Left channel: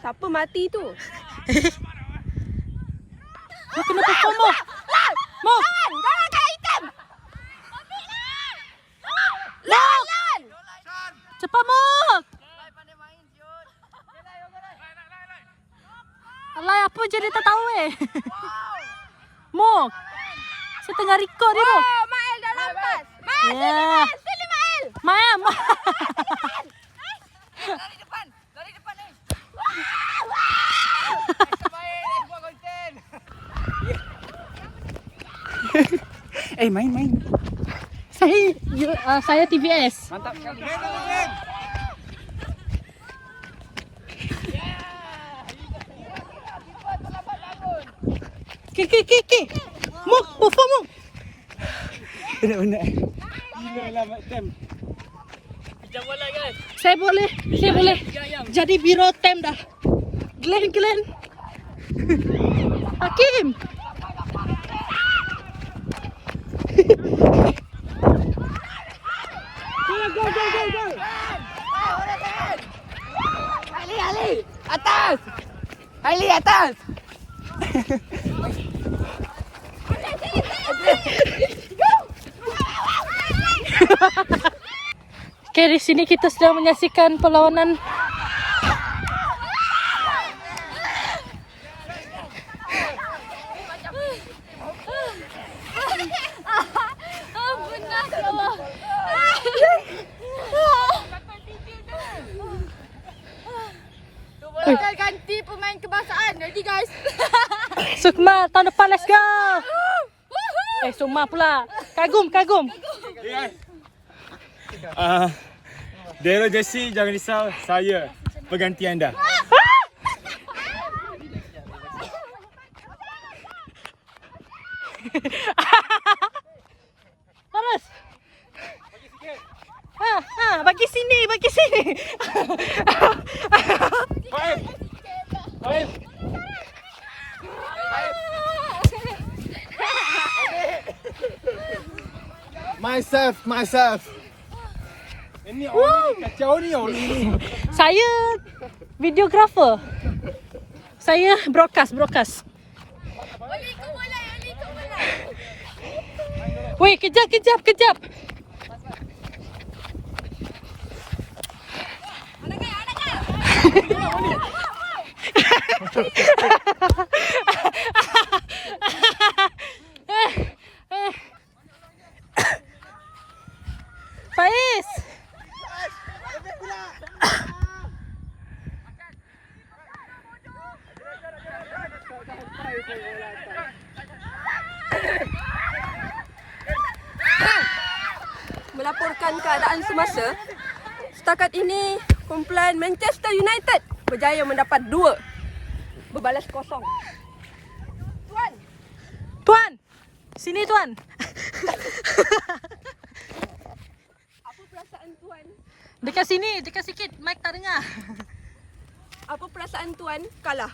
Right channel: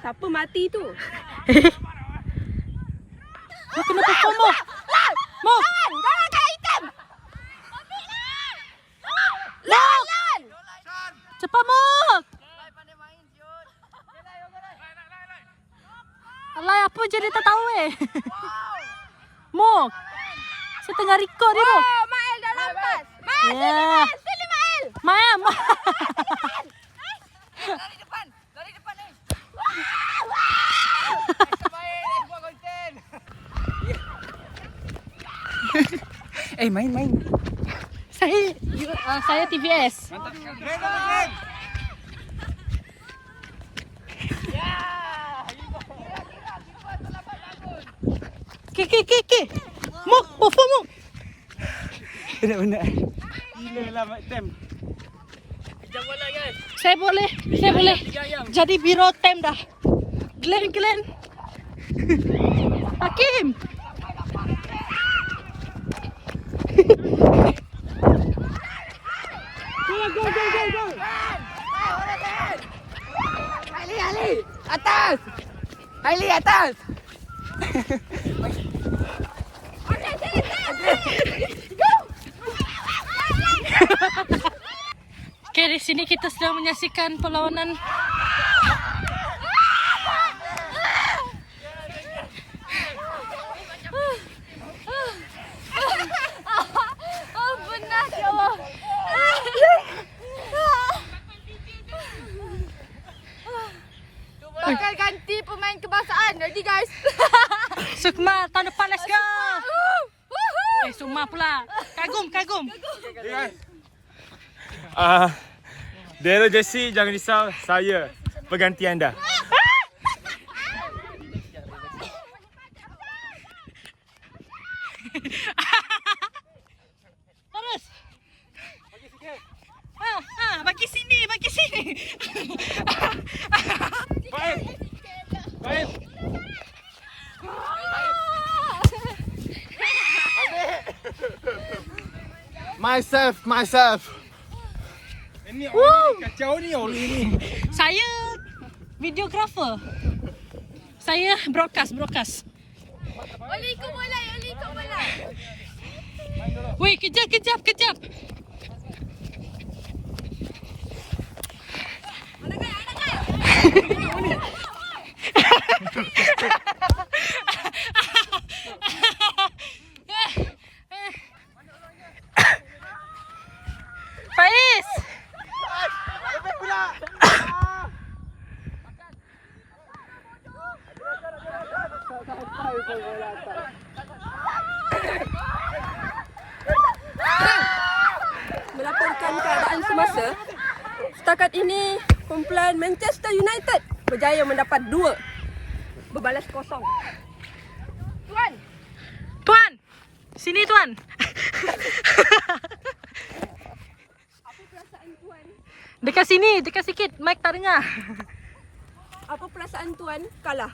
Siapa mati tu? Mo kena perform Mo. Mo. Jangan kat item. Lawan. Cepat Mo. Alay, apa je dia tak tahu Mo. Saya tengah record ni Mo. Oh, Mael dah lampas. Mael, Yeah. sini Mael. Mael. Lari depan ni. Main, buat konten. Main. Saya TVS. Mantap. Main. Ki. Mo, perform Mo. Benar. Gila lah Mat Tem. Kejam bola guys. Saya boleh. Jadi biro tem dah. Glenn. Hakim. Go. Ali. Atas. Ali atas. Okay, di sini kita sedang menyaksikan perlawanan Benar ya Allah. Bakal ganti pemain kebangsaan. Ready guys? Sukma tahun depan, let's go. Sukma pula. Kagum. Daryl Jesse, jangan risau, saya pengganti anda. Terus. Bagi sini. Baik. Myself. Ini kacau ni. Saya videographer. Saya broadcast. Oli ikut bola. Weh, kejap. Faiz. Melaporkan keadaan semasa. Setakat ini, kumpulan Manchester United berjaya mendapat 2. Berbalas kosong. Tuan. Sini Tuan. Apa perasaan Tuan? Dekat sini, dekat sikit. Mic tak dengar. Apa perasaan Tuan kalah?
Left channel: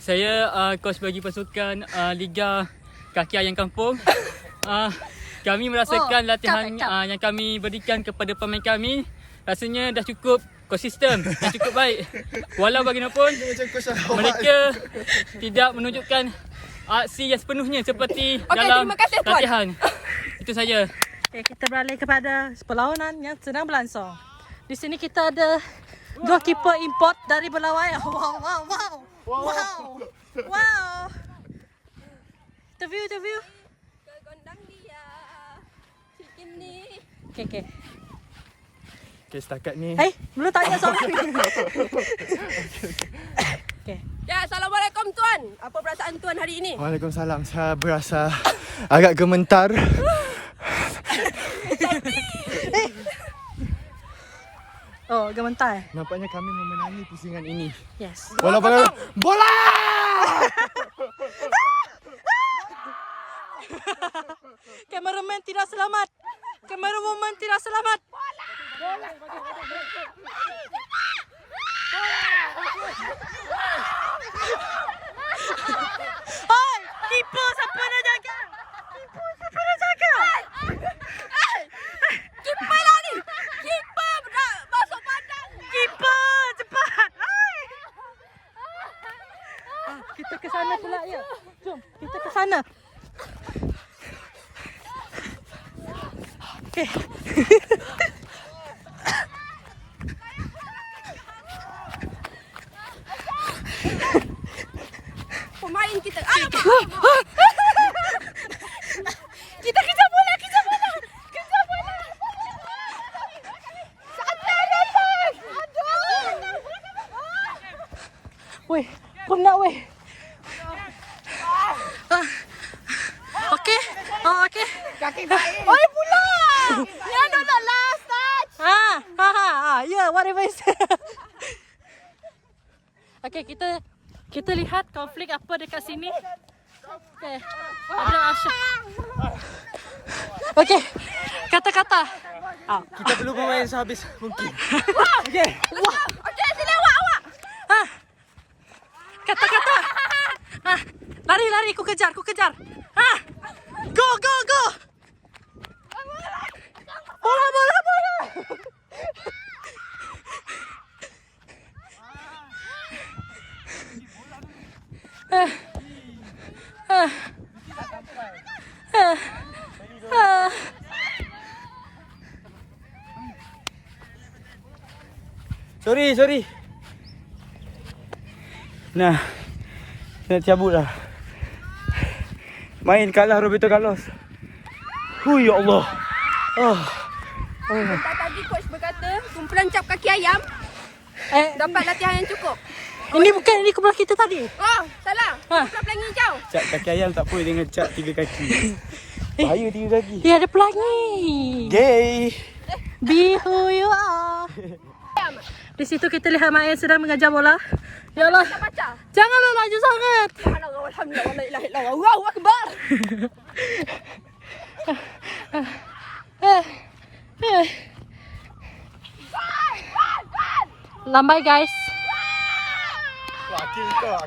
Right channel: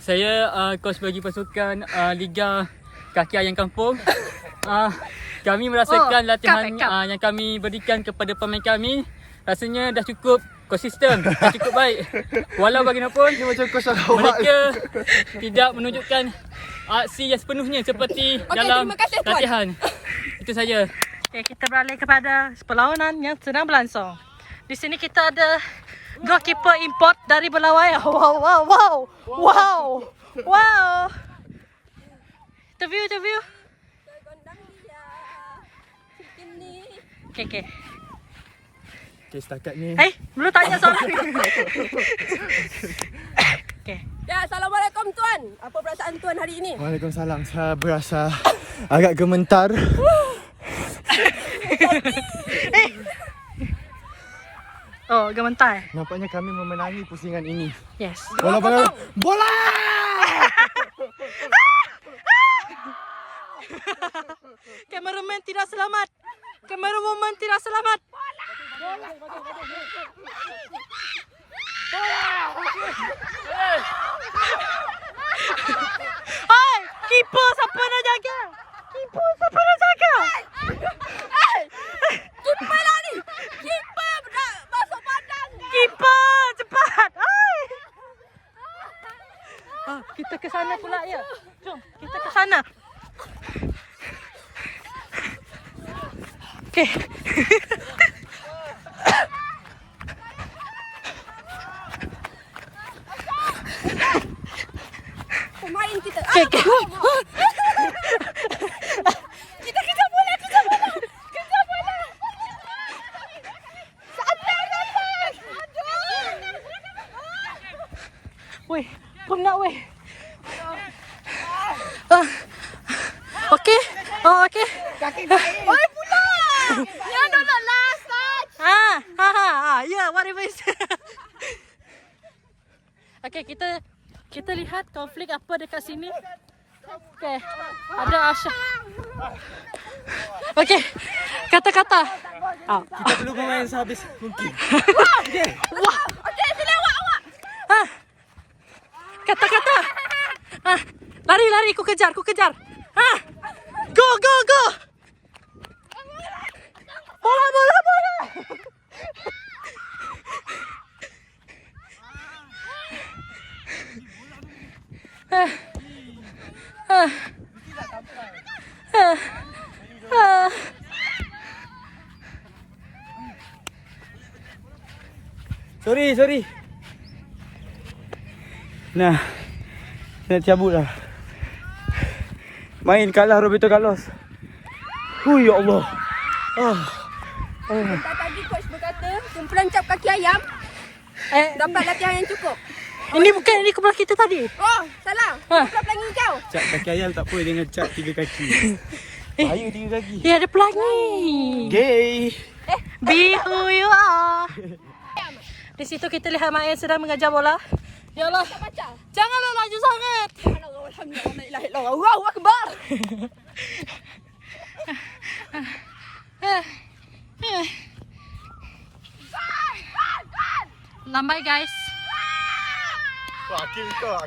Saya coach bagi pasukan Liga Kaki Ayam Kampung. Kami merasakan latihan yang kami berikan kepada pemain kami rasanya dah cukup konsisten, dah cukup baik. Walau bagaimanapun mereka tidak menunjukkan aksi yang sepenuhnya seperti dalam terima kasih, Tuan. latihan. Itu saja. Okay, kita beralih kepada perlawanan yang sedang berlangsung. Di sini kita ada goalkeeper import dari Belawai. Wow. Interview. Gondang dia. Ini. Okay. Okay, setakat ni. Belum tanya soalan. Okay. Ya, Assalamualaikum Tuan. Apa perasaan Tuan hari ini? Waalaikumsalam. Saya berasa agak gemetar. Oh, gementar. Nampaknya kami memenangi pusingan ini. Yes. Bola. Kameraman tidak selamat. Oi, keeper siapa nak jaga? Keeper lah ni. Keeper masuk padang. Keeper cepat. Oi. sana. Okay. Pemain kita. Okay, okay. Kita kejar bola, kejar bola. Kejar bola. Sampai lepas. Weh, penat weh. Okay. Oh, okay. Kaki baik. Oh, pula. Ya, no, last touch. Yeah, whatever is. Okay, kita lihat konflik apa dekat sini. Okay, ada Asha. Okay, kata-kata. Kita perlu bermain sehabis mungkin. Okey, sila awak. Kata-kata. Lari, ku kejar. Go. Bola. Sorry. Nah, nak cabut lah. Main kalah Roberto Carlos. Ya Allah. Tadi coach berkata, kumpulan cap kaki ayam dapat latihan yang cukup. Ini bukan ini kumpulan kita tadi. Oh, salah. Kumpulan pelangi hijau. Cap kaki ayam tak apa dengan cap 3 kaki. Bahaya 3 kaki. Ya, ada pelangi. Gay. Be who you are. Di situ kita lihat Mayan sedang mengajar bola. Ya Allah. Baca. Janganlah laju sangat. Alhamdulillah, la ilaha illallah. Allahu akbar. Lambai guys. Hakim kau.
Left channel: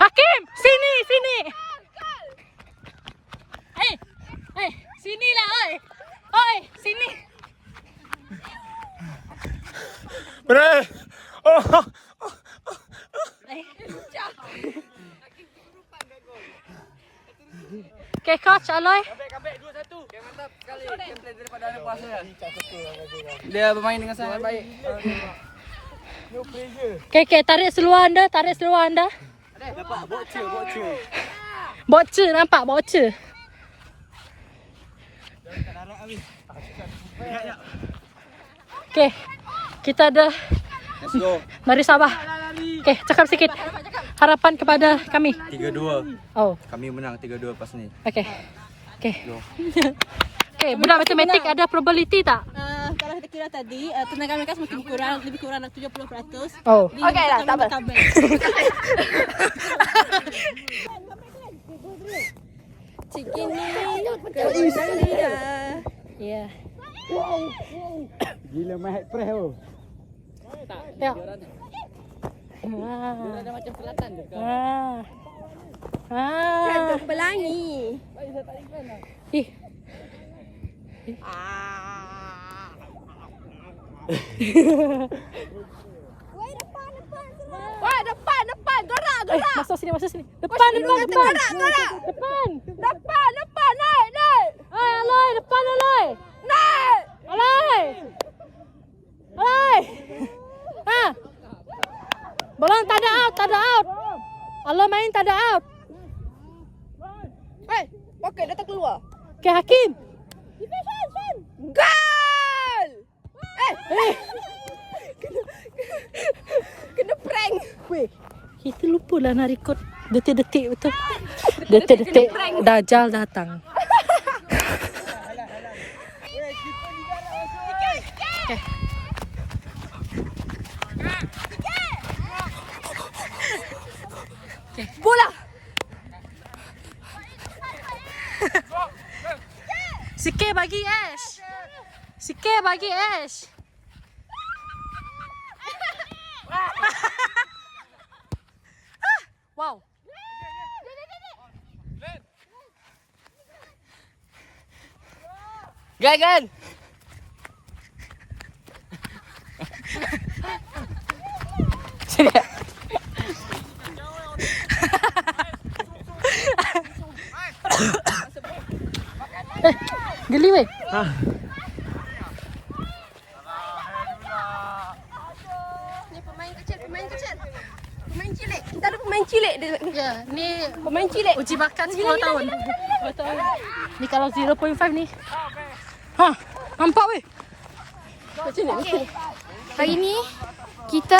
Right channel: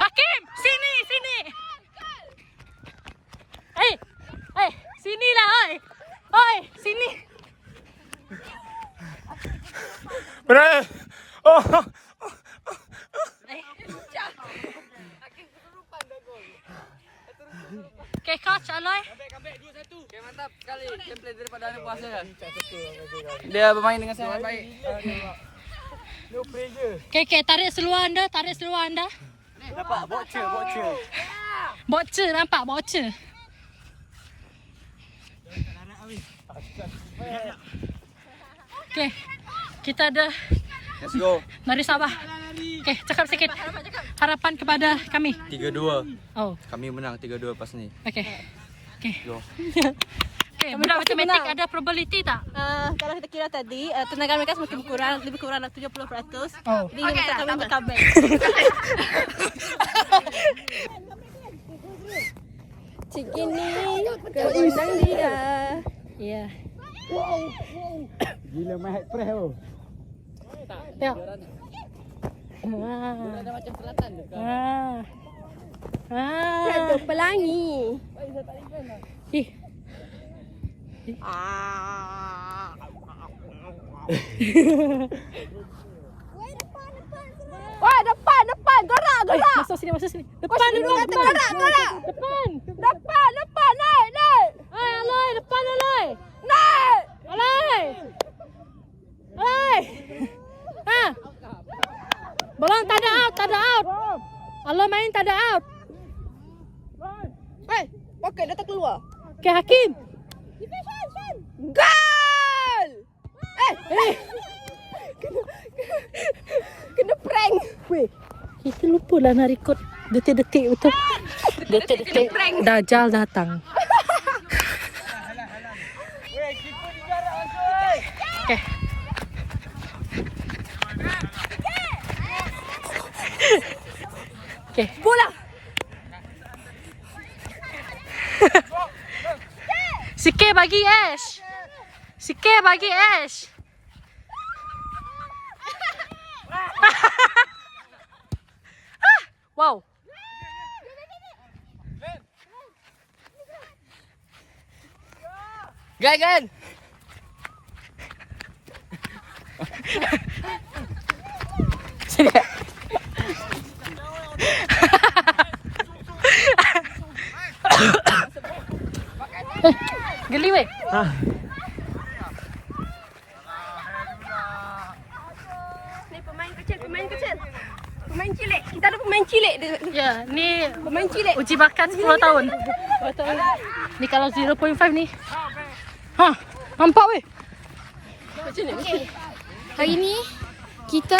Hakim, sini. Hey, sini lah, oi, sini. Benar. Okay, coach Aloy. Okay, mantap sekali gameplay daripada anak puasa. Dia bermain dengan sangat baik. No pressure. Okay, tarik seluar anda. Dapat bocor. Bocor, nampak bocor. Okay, kita ada Let's go. Mari Sabah. Okay, cakap sikit harapan kepada kami. 3-2. Oh, Kami menang 3-2 pas ni. okay. Go. Okay, benda matematik ada probability tak? Kalau kita kira tadi, tenaga mereka semakin kurang, lebih kurang 70%. Oh. Okey lah, tak apa. Cik ini ke gondang dia. Ya. Gila Mahat Preh tu. Ya. Ada pelangi. Ih. Wah, depan. Gerak. Masuk sini. Depan. Depan, naik. Aloy, depan Aloy. Naik. Aloy. Bola tak ada out. Aloy main tak ada out. Okey, datang keluar. Okay, Hakim. Gol! Kena prank. Weh, kita lupa lah nak record detik-detik betul. Detik-detik Dajjal datang. Okay. Okay. Bola. Sikit bagi Ash. Wow. Gan. Geli weh. Ni pemain kecil. Pemain cilik. Kita ada pemain cilik di ni. Ya, ni Pemain cilik. uji bakat 10 tahun. Ni kalau 0.5 ni. Ha, nampak weh. Macam ni. Okay. Hari ni kita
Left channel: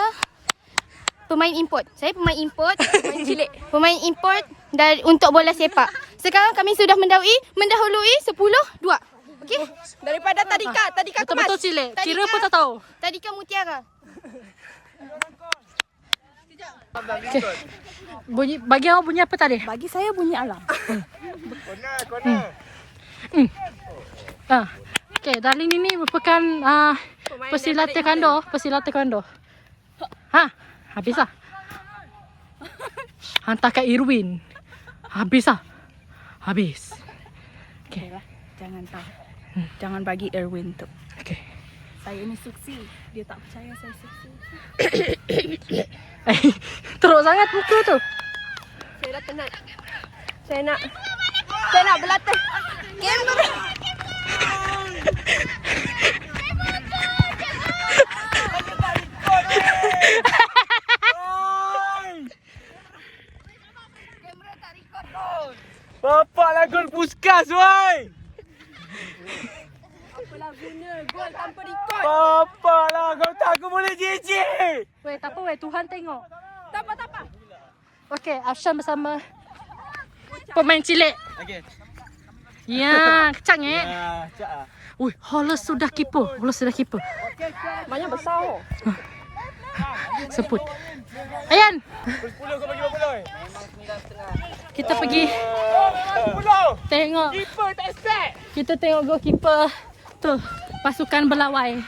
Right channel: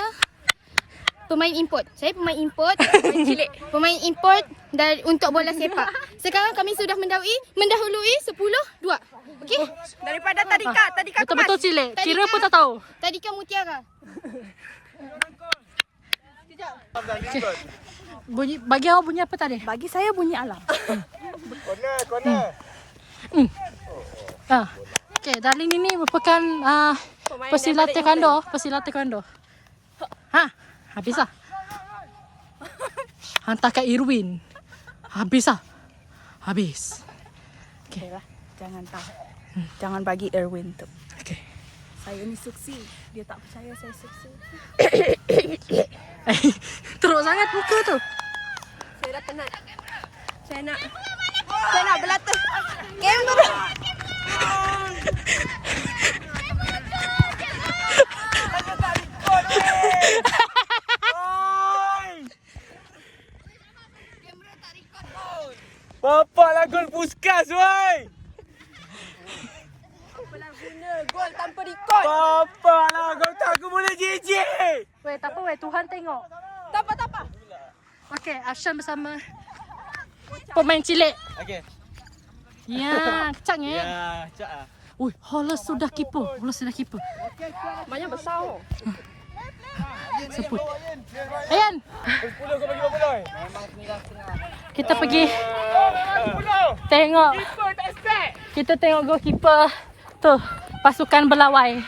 pemain import. Saya pemain import. Cilik. Pemain import dari untuk bola sepak. Sekarang kami sudah mendahului 10-2. Okey? Daripada tadika Betul-betul kemas. cilik. Tadi Kira kan- pun tak tahu. Tadika Mutiara. Okay. Bunyi, bagi awak bunyi apa tadi? Bagi saya bunyi alam. Okay, Darlene ini merupakan pesilat taekwondo. Ha, habis lah. Hantar kat Irwin. Habis lah. Habis. Okay lah, jangan tahu. Jangan bagi Erwin tu. Okay. Saya ni suksi. Dia tak percaya saya suksi. Teruk sangat muka tu. Saya dah penat. Saya nak berlatih. Kamera. Bapak lah gol Puskas, woi. Apalah guna gol tanpa record. Bapak lah, kau tak aku boleh jijik. Weh, tak apa weh. Tuhan tengok. Tak apa. Okay, Arshan bersama pemain cilik. Okey. Ya, kecang eh. Ya, cak ah. Ui, Hollis sudah keeper. Banyak besar. Sebut. Ayan, 10 kau bagi berapa? kita pergi tengok. Kita tengok goalkeeper tu, pasukan Belawai.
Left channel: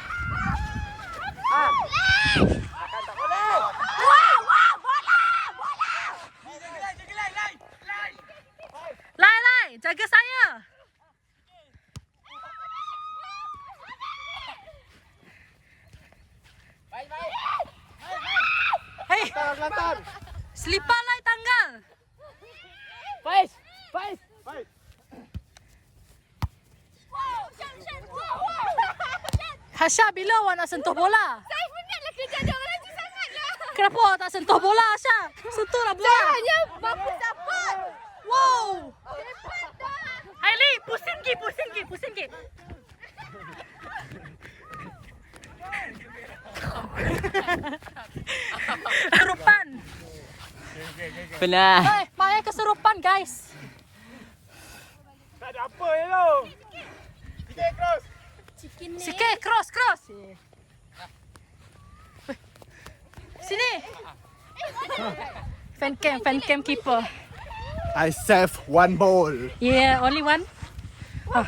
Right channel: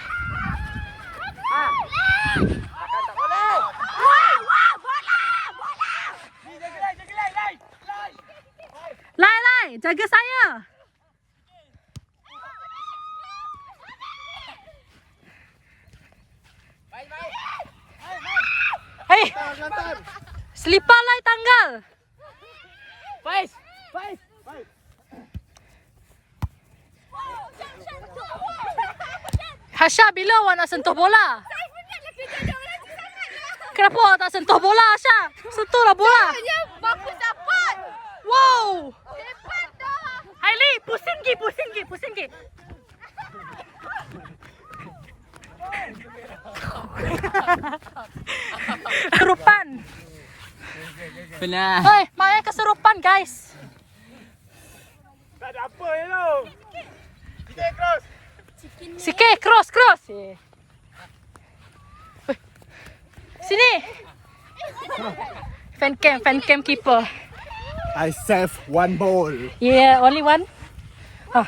Lai, jaga saya. Hei, selipar Lai tanggal. Hasha, bila awak nak sentuh bola? Saya penatlah kerja ada orang tu sangatlah. Kenapa awak tak sentuh bola, Hasha? Sentuhlah bola. Hanya baku support. Wow. Cepat dah. Hailey, pusing gi. Kesurupan. Pernah. Hei, Maya kesurupan, guys. Tak ada apa ya lo. Sikit, cross. Weh. Sini. Fan cam keeper. I save one ball. Yeah, only one. Ah.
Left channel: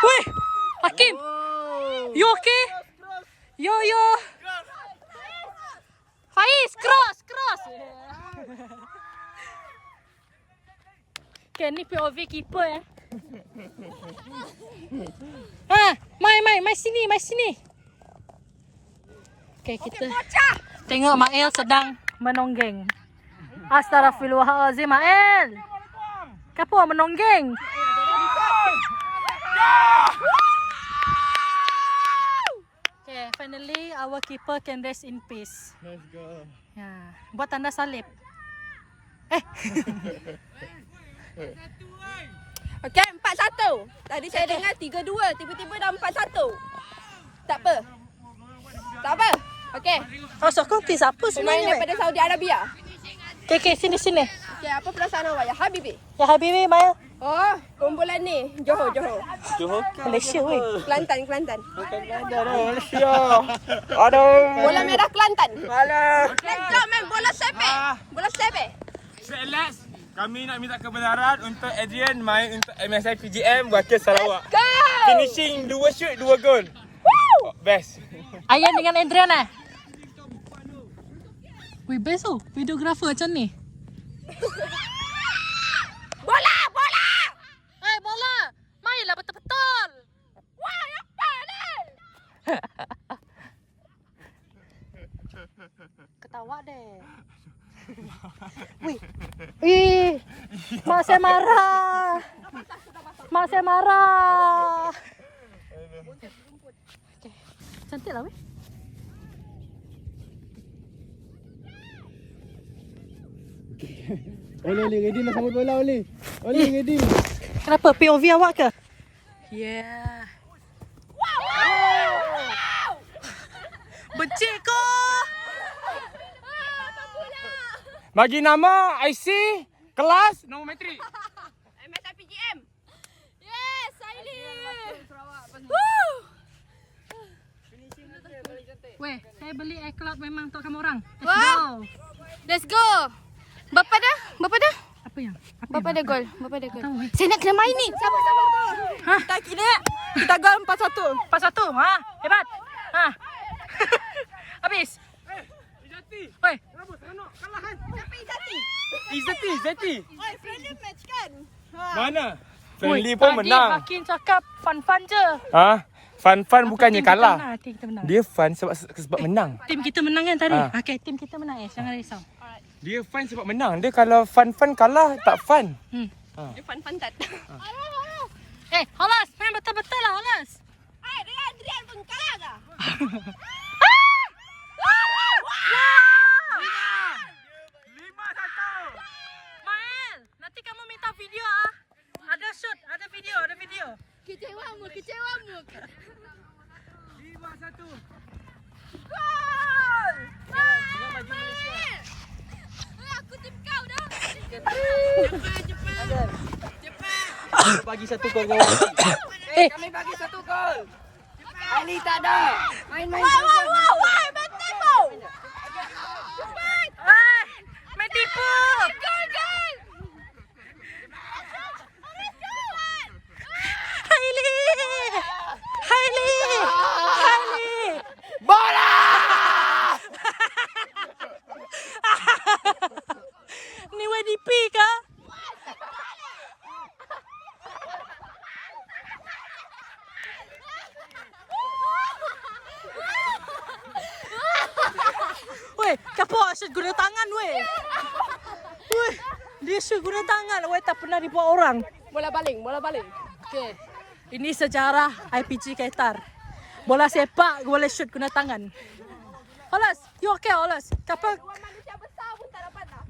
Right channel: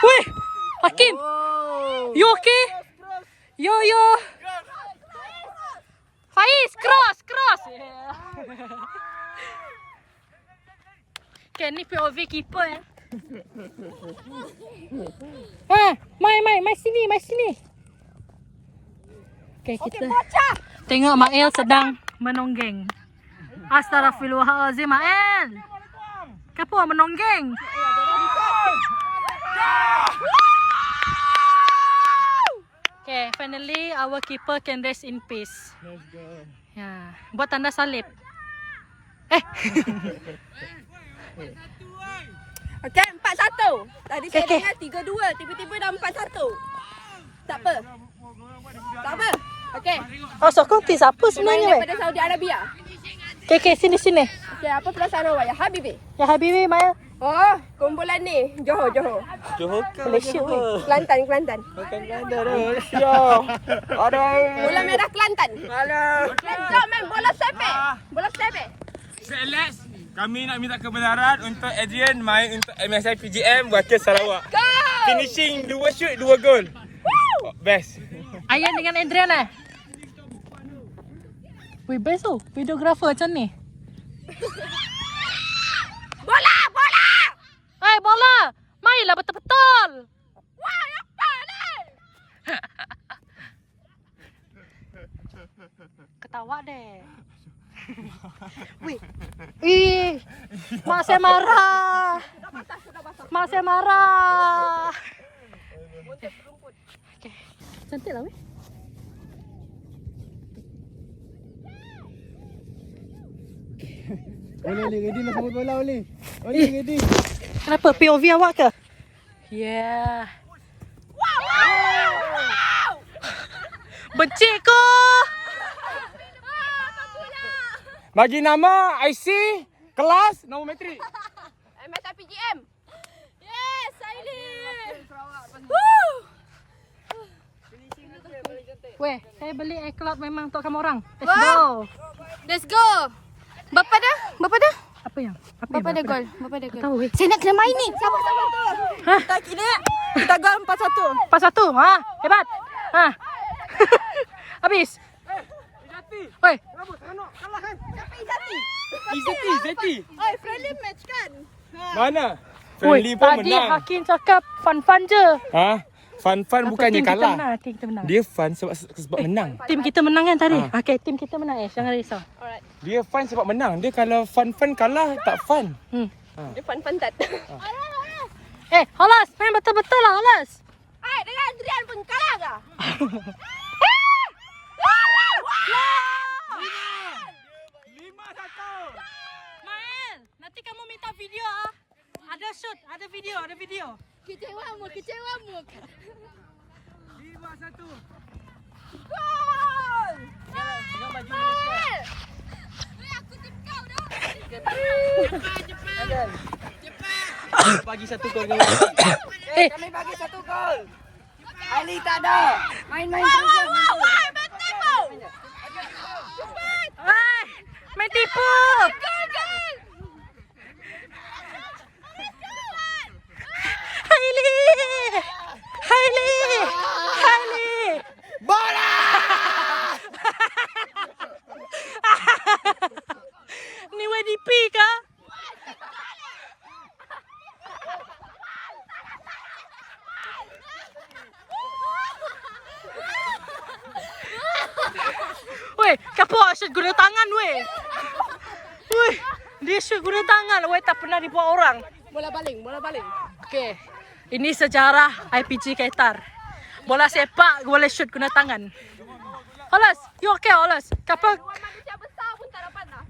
Weh, Hakim. You okay? Yo. Faiz, cross. Okay, ni POV keeper ya. Ha, mai sini. Okay, kita tengok Mael sedang menonggeng. Astaghfirullahalazim, Mael. Kenapa menonggeng? Okay, finally our keeper can rest in peace. Let's go. Ya, buat tanda salib. Okey, 4-1. Tadi saya Okey. dengar 3-2, tiba-tiba dah 4-1. Tak apa. Okey. Oh, sokong tis apa Pemain sebenarnya weh? daripada Saudi Arabia. Okay, sini. Okey, apa perasaan awak ya Habibi? Ya Habibi, Mael. Oh, kumpulan ni Johor. Johor Malaysia weh. Kelantan. Bukan Kelantan dah. Malaysia. Aduh. Bola merah Kelantan. Malah. Let's go man, bola sepek. Alex, kami nak minta kebenaran untuk Adrian main untuk MSI PGM wakil Sarawak. Go! Finishing 2 shoot 2 gol. Best. Ayan dengan Adrian Wih, best tu. Videographer macam ni. Bola! Hai, bola. Mainlah betul-betul. Wah, apa ni? Ketawa deh. Wih. Ih. Mak saya marah. Mak saya marah. Okay. Cantik lah weh. Oleh ready nak sambut bola oleh. Oleh ready. Kenapa? POV awak ke? Yeah. Benci ko. Bagi nama IC kelas nombor metrik. MSIPGM. Yes, Saili. Weh, saya beli iCloud memang untuk kamu orang. Let's Wah. go. Let's go. Bapa dah? Apa yang? Bapa dah gol. Bapa dah gol. Tahu weh. Saya nak kena main ni. Sabar. Kita kini kita gol 4-1. 4-1. Ha, hebat. Ha. Habis. Weh, Izati. Oi, friendly match kan? Mana? Oi, Friendly pun tadi menang. Hakim cakap fun-fun je. Ha? Fun bukannya Tim kita kalah. menang, tim kita menang. Dia fun sebab menang. Tim kita menang kan tadi? Ha. Okey, tim kita menang jangan risau. Dia fun sebab menang. Dia kalau fun kalah tak fun. Dia fun tak? Holas, main betul-betul lah Holas. Ai, dengan Adrian pun kalah ke? Mael, nanti kamu minta video ah. Ada shoot, ada video. Kecewamu. 5-1. Dengan baju Malaysia. Aku tip kau dah. Bagi 1 gol kau. Kami bagi 1 gol. Ali tak ada. Main-main. Wow, betul kau. Main tipu. Hailey. Bola! Ni WDP kah? Weh, kapok shoot guna tangan weh. Weh, dia shoot guna tangan weh, tak pernah dibuat orang. Bola baling. Okey. Ini sejarah IPG Qatar. Bola sepak boleh shoot guna tangan. Holas, you okay Holas? Kapok. Malaysia besar pun tak dapat dah.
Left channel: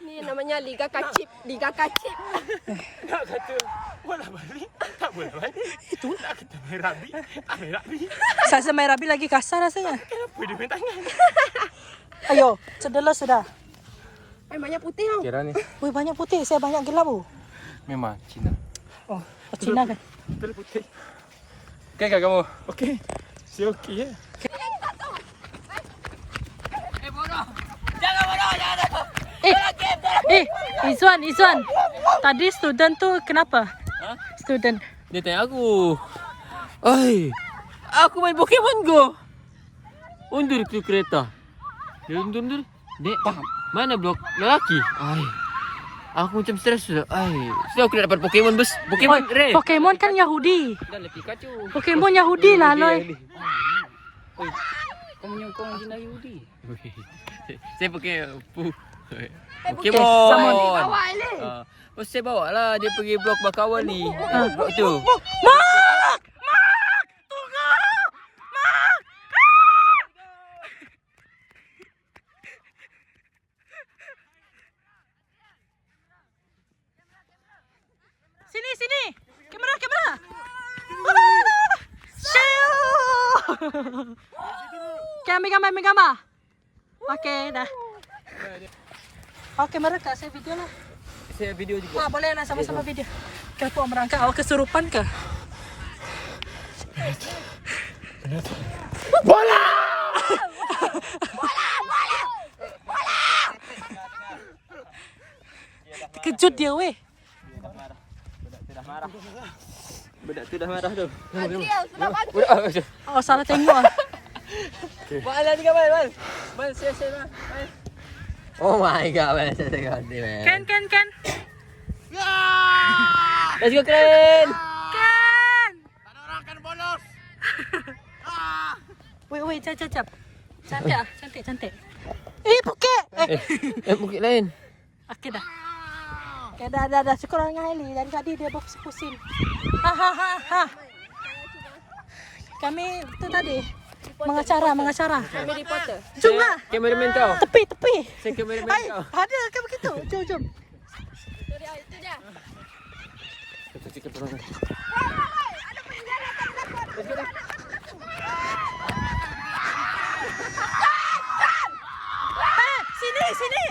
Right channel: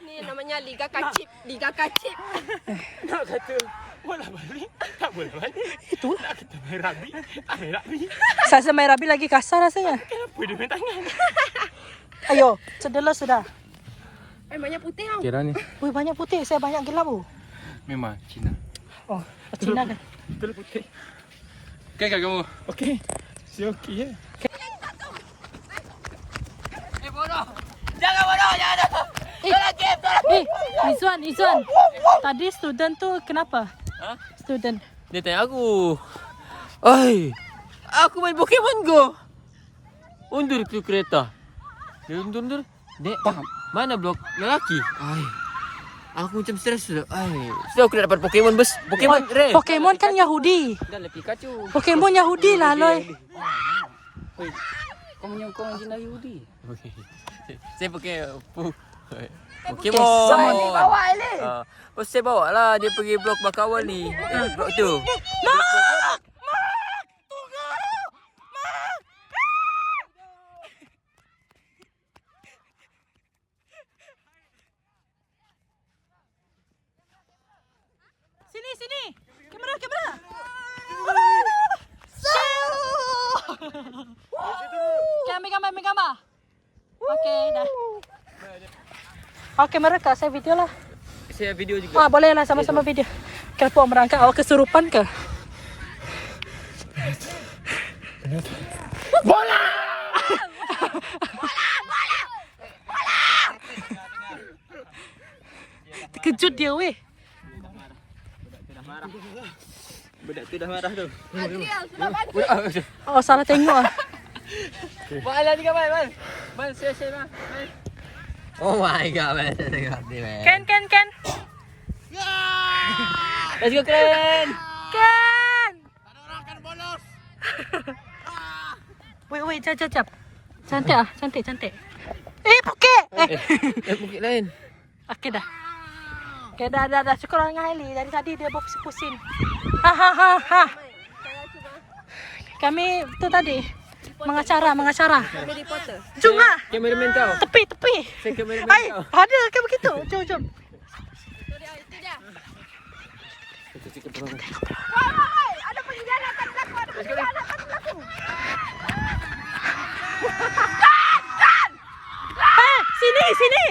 Ni namanya Liga Kacip. Nak kata bola balik. Tak bola balik. Itu. Nak kita main rugby. Tak main rugby. Saya main rabi lagi kasar rasanya. Kenapa dia main tangan? Ayo, cedera sudah. Ai, banyak putih tau. Kira ni. Wih, banyak putih. Saya banyak gelap tu. Memang Cina. Oh, Cina kan? Betul putih. Okey kan kamu? Okey. Si okey ya. Izwan. Tadi student tu kenapa? Ha? Student. Dia tanya aku. Ai, aku main Pokemon Go. Undur tu kereta. Dia undur. Dek, mana blok lelaki? Ai. Aku macam stres sudah. Ai, sebab aku dah dapat Pokemon rare. Pokemon kan Yahudi. Dan lagi Pikachu. Pokemon Yahudi lah, Loy. Oi, kau menjina Yahudi. Okey. Saya pakai Pokemon. Summon. Saya bawa lah dia pergi blok Bakawal ni. Blok tu. Mak! Sini. Kamera. Ambil gambar. Okey, dah. Okey, mereka saya video lah. Saya video juga. Wah, boleh lah sama-sama video. Kapok merangkak. Awak kesurupan ke? Bola! Terkejut dia weh. Budak tu dah marah tu. Oh, salah tengok ah. Mana ni gambar, Man? Man, share Man. Oh my god, Man. Saya tengok ni, Man. Ken. Let's go, Ken. Ada orang akan bolos. Wait, jap. Cantik. Bukit! Bukit lain. Okey dah. Okey dah. Cukup lah dengan Hailey. Dari tadi dia berpusing-pusing. Kami tu tadi mengacara. Kami reporter. Jom lah. Kameraman kau. Tepi. Saya kameraman kau. Ada kan begitu? Jom. Sini.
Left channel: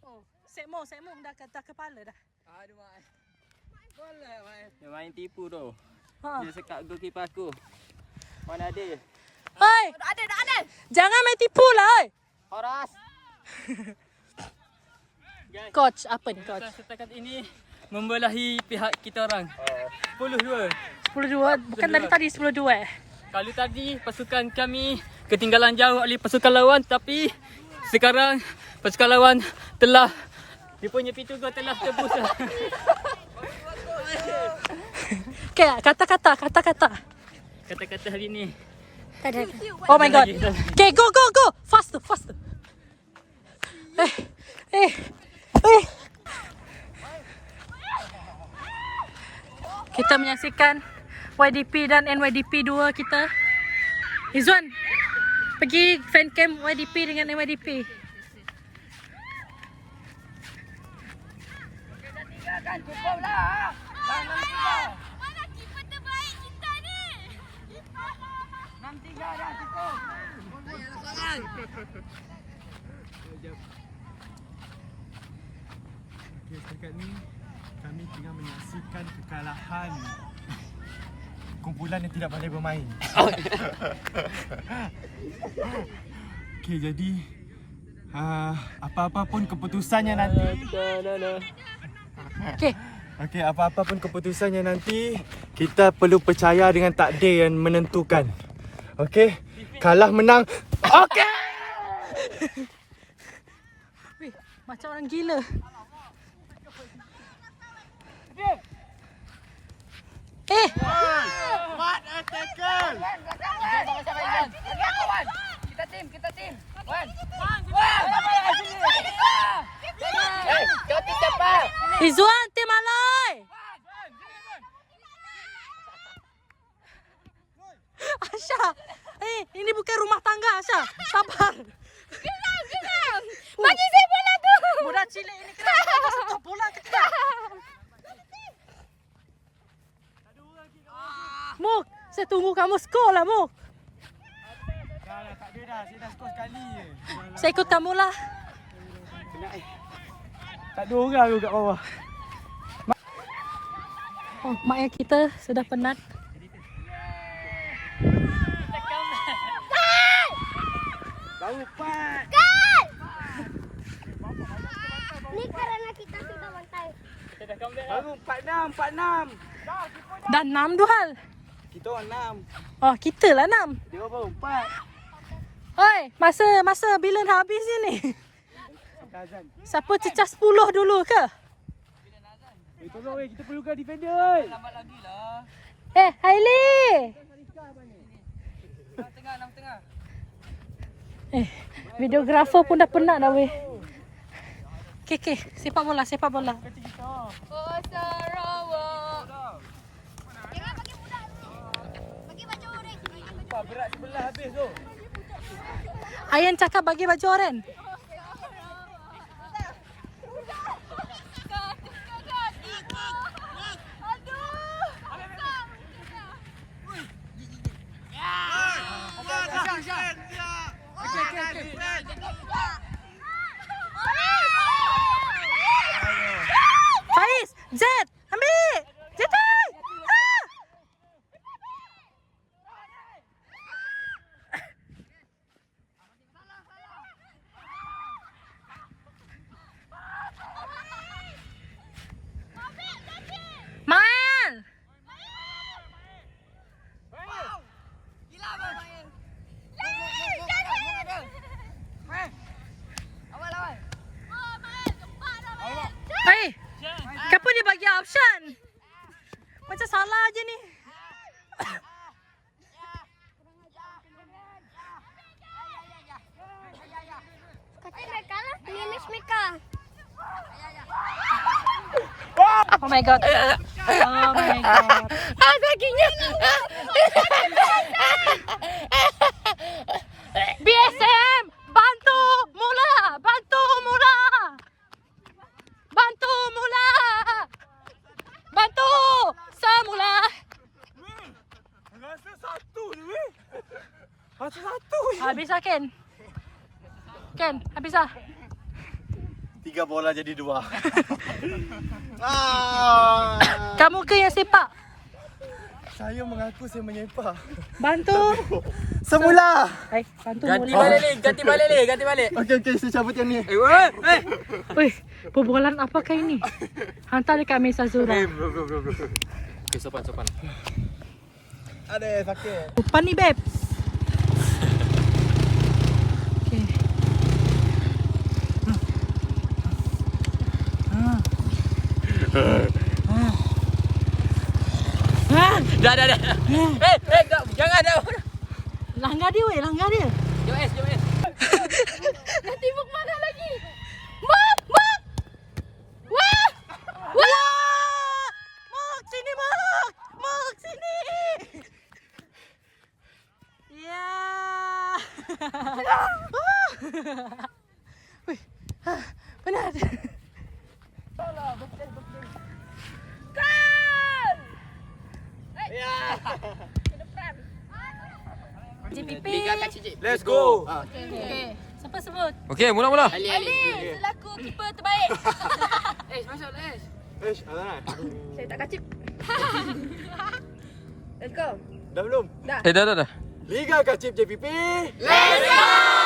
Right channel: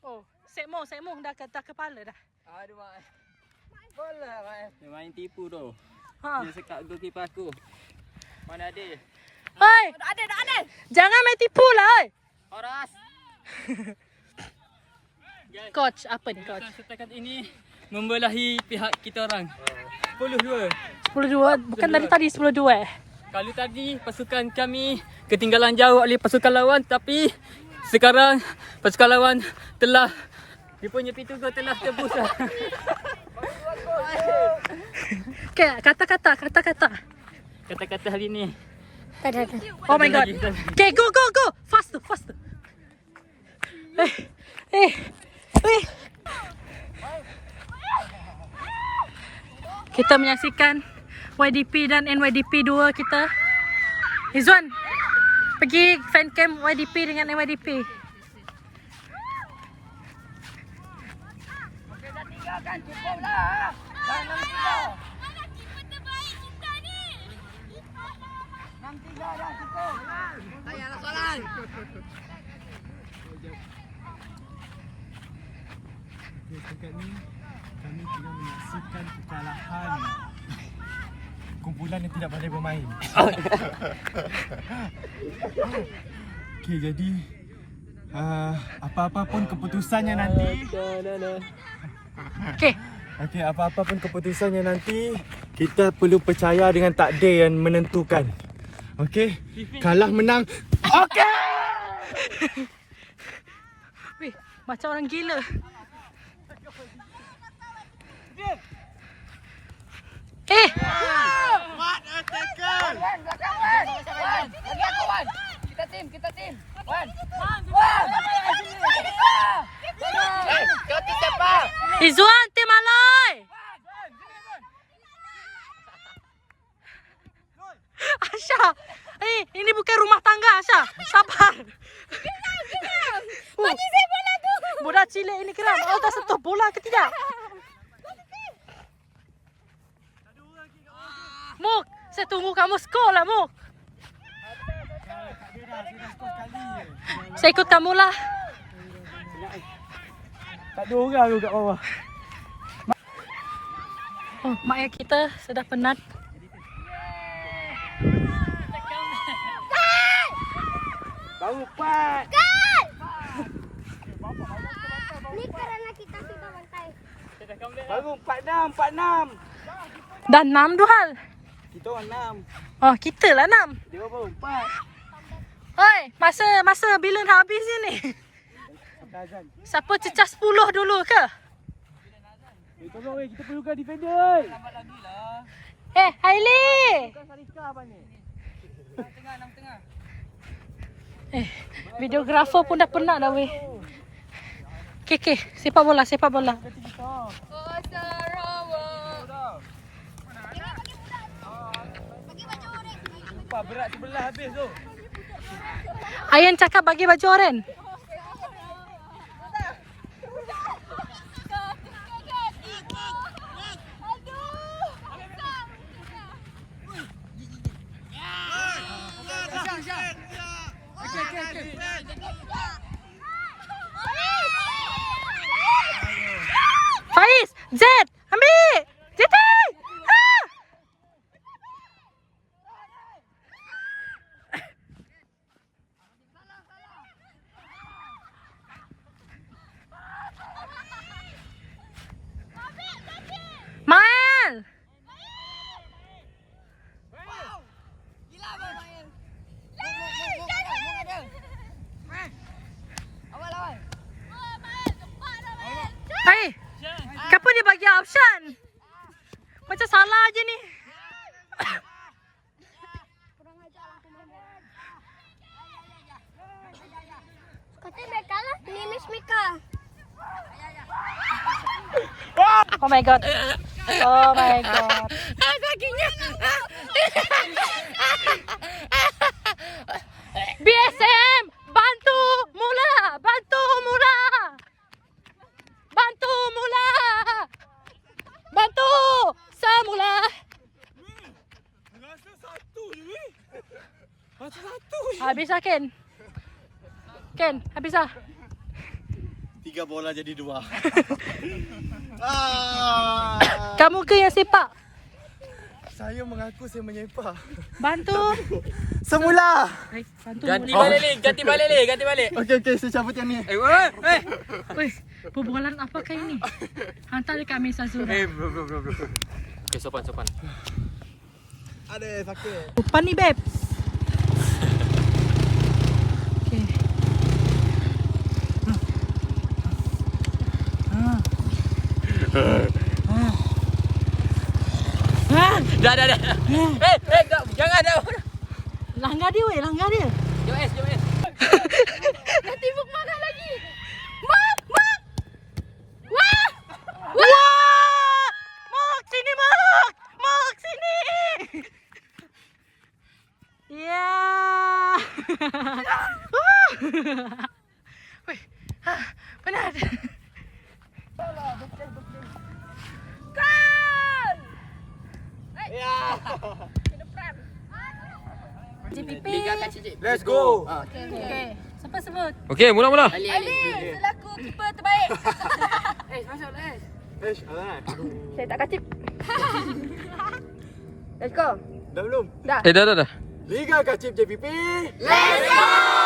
Oh, Sekmong dah kepala dah. Dia main tipu tu. Ha. Dia sekat goalkeeper aku. Mana ada? Hei! Ada. Jangan main tipu lah. Oi. Horas. Coach, apa ni coach? Setakat ini membelahi pihak kita orang. 10-2. 10-2, bukan dari tadi 10-2. Kalau tadi pasukan kami ketinggalan jauh oleh pasukan lawan, tapi sekarang pasukan lawan telah dia punya pintu gol telah tebus lah. Okay, kata-kata. Kata-kata hari ni. Oh my god. Okay, go. Faster. Eh. Kita menyaksikan YDP dan NYDP 2 kita. Izwan, pergi fan cam YDP dengan NYDP. Setakat ni kami tengah menyaksikan kekalahan kumpulan yang tidak pandai bermain. Okey, jadi apa-apa pun keputusannya nanti. Okey, apa-apa pun keputusannya nanti, kita perlu percaya dengan takdir yang menentukan. Okey, kalah menang. Okey. Weh, macam orang gila. What a tackle! Kita tim. Izwan, tim alai. Asha, ini bukan rumah tangga Asha. Sabar. Bagi saya bola tu. Budak cilik ini kira kita sentuh bola ke tidak? Muk, saya tunggu kamu skor lah Muk. Tak ada dah, saya dah skor sekali je. Saya ikut kamu lah. Tak ada orang tu kat bawah. Oh, mak ayah kita sudah penat. Baru 4. Ni kerana kita sudah bantai. Baru 46. Dah 6 Duhal. Kita orang 6. Oh, kita lah 6. Dia orang baru 4. Oi, masa bila nak habis ni? Azan. Siapa cecah 10 dulu ke? Tolong kita perlukan defender. Lambat lagi lah. Hailey. Tengah. Videografer pun dah penat dah weh. Okay, sepak bola. Berat sebelah habis tu. Ayan cakap bagi baju oren. Faiz, Z, ambil. ZT. Main. Hai, kenapa dia bagi option? Oh my god. Oh my god. Kakinya. BSM, bantu mula. Bantu mula. Bantu mula. Bantu semula. Rasa satu je weh. Rasa satu je. Habis lah Ken. Ken, habis lah. 3 bola jadi 2. Kamu ke yang sepak? Saya mengaku saya menyepak. Bantu. Semula. Bantu Ganti mula. balik, Li. Ganti balik, Li. Ganti balik. Okey, saya cabut yang ni. Wih, perbualan apakah ini? Hantar dekat Mesa Zura. Bro. Okay, sopan. Ada sakit. Depan ni, babe. Okay. Dah. Jangan dah. Langgar dia, weh. Langgar dia. Jom S. Tibuk mana lagi? Mak! Wah! Wah! Mak, sini, Mak! Mak, sini! Ya! Wih, benar. JPP. Let's go. Okay. Siapa sebut? Okey, mula. Ali selaku keeper terbaik. Alah. Saya tak kacip. Let's go. Dah belum? Dah. Liga Kacip JPP. Let's go!